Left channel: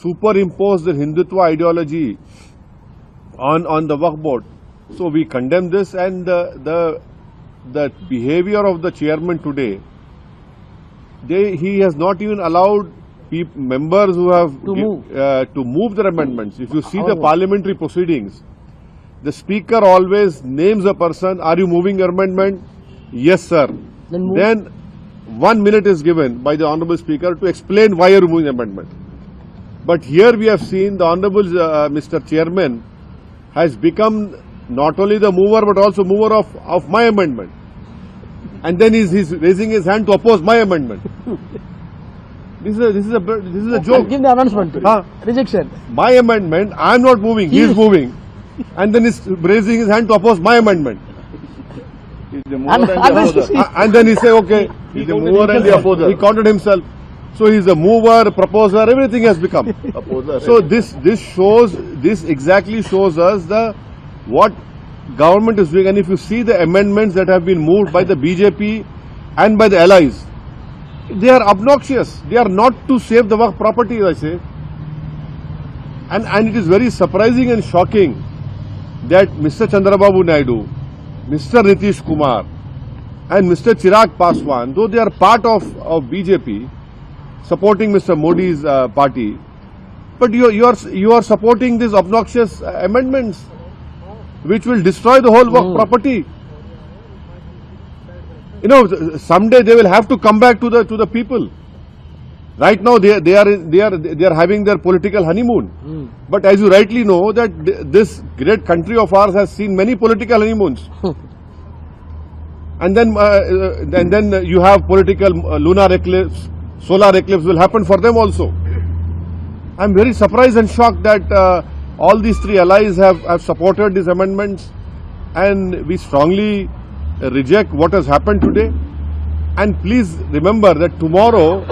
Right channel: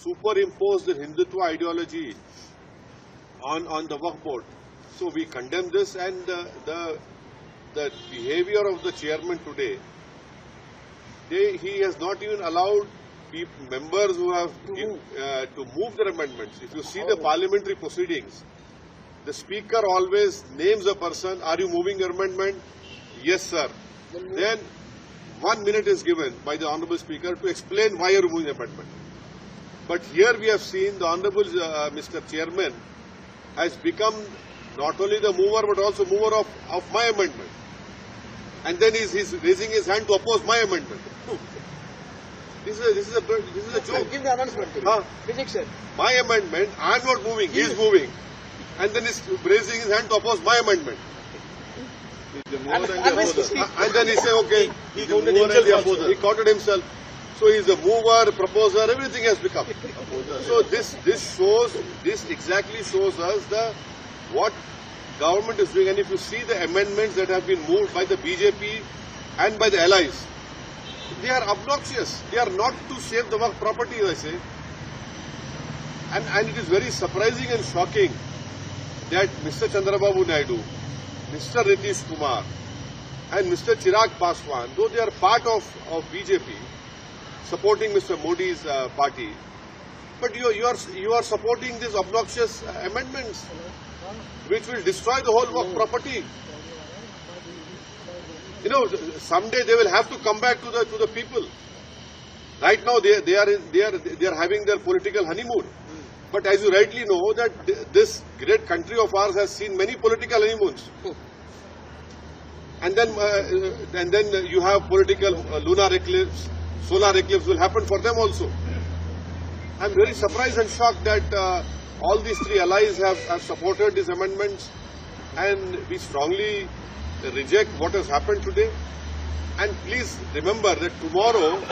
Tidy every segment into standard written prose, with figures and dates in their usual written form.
superimpose the Hindutva ideology on the Waqf board. So we condemn this, and the behavior of the chairman today, he has not even allowed members who have to move their amendments. If you see the parliamentary proceedings, the speaker always names a person, are you moving your amendment? Yes, sir. Then 1 minute is given by the honourable speaker to explain why you are moving the amendment. But here we have seen the honourable Mr. Chairman has become not only the mover but also mover of my amendment. And then he's raising his hand to oppose my amendment. This is a joke. Give the announcement. Rejection. My amendment, I am not moving, he is moving. And then he's raising his hand to oppose my amendment. And then he say, okay, he's the mover and the opposer. He counted himself. So he's a mover, proposer, everything has become. So this exactly shows us what government is doing. And if you see the amendments that have been moved by the BJP and by the allies, they are obnoxious. They are not to save the Waqf property, I say. And it is very surprising and shocking that Mr. Chandrababu Naidu, Mr. Nitish Kumar and Mr. Chirag Paswan, though they are part of BJP, supporting Mr. Modi's party, but you are supporting these obnoxious amendments which will destroy the whole Waqf property. You know, someday they will have to come back to the people. Right now they are having their political honeymoon. But as you rightly know, that this great country of ours has seen many political honeymoons. And then you have political lunar eclipse, solar eclipse will happen for them also. I am very surprised and shocked that all these three allies have supported these amendments, and we strongly reject what has happened today. And please remember that tomorrow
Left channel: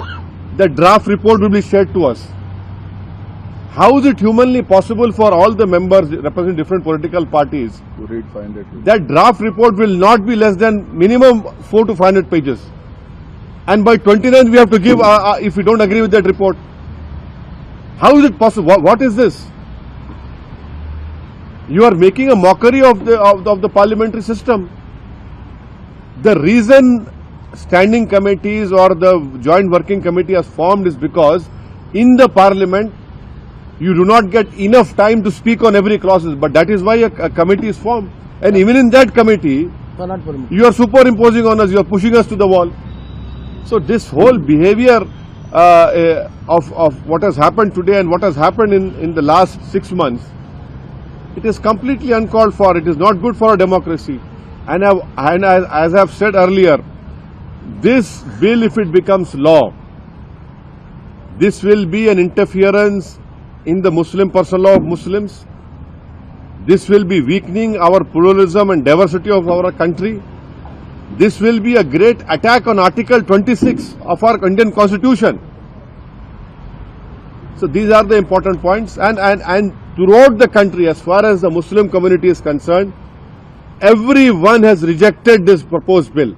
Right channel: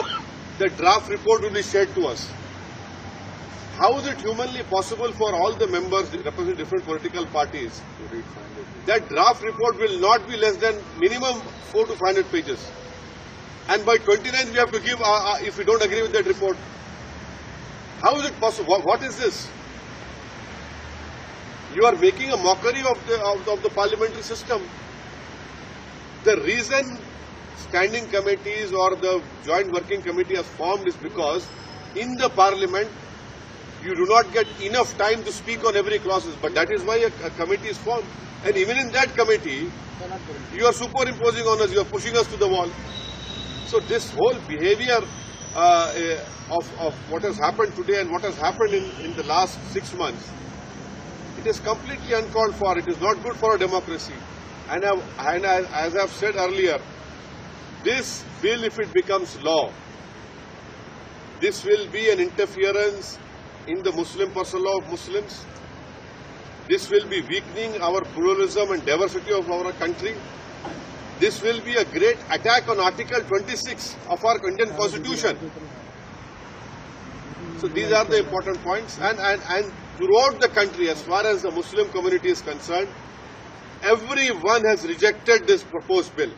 the draft report will be shared to us. How is it humanly possible for all the members representing different political parties to read 500? That draft report will not be less than minimum 400 to 500 pages. And by 29th we have to give if we don't agree with that report. How is it possible? What is this? You are making a mockery of the parliamentary system. The reason standing committees or the joint working committee has formed is because in the parliament you do not get enough time to speak on every clause, but that is why a committee is formed. And even in that committee, you are superimposing on us, you are pushing us to the wall. So this whole behavior of what has happened today and what has happened in the last 6 months, it is completely uncalled for. It is not good for a democracy. And as I have said earlier, this bill, if it becomes law, this will be an interference in the Muslim personal law of Muslims. This will be weakening our pluralism and diversity of our country. This will be a great attack on Article 26 of our Indian Constitution. So these are the important points. And throughout the country, as far as the Muslim community is concerned, everyone has rejected this proposed bill.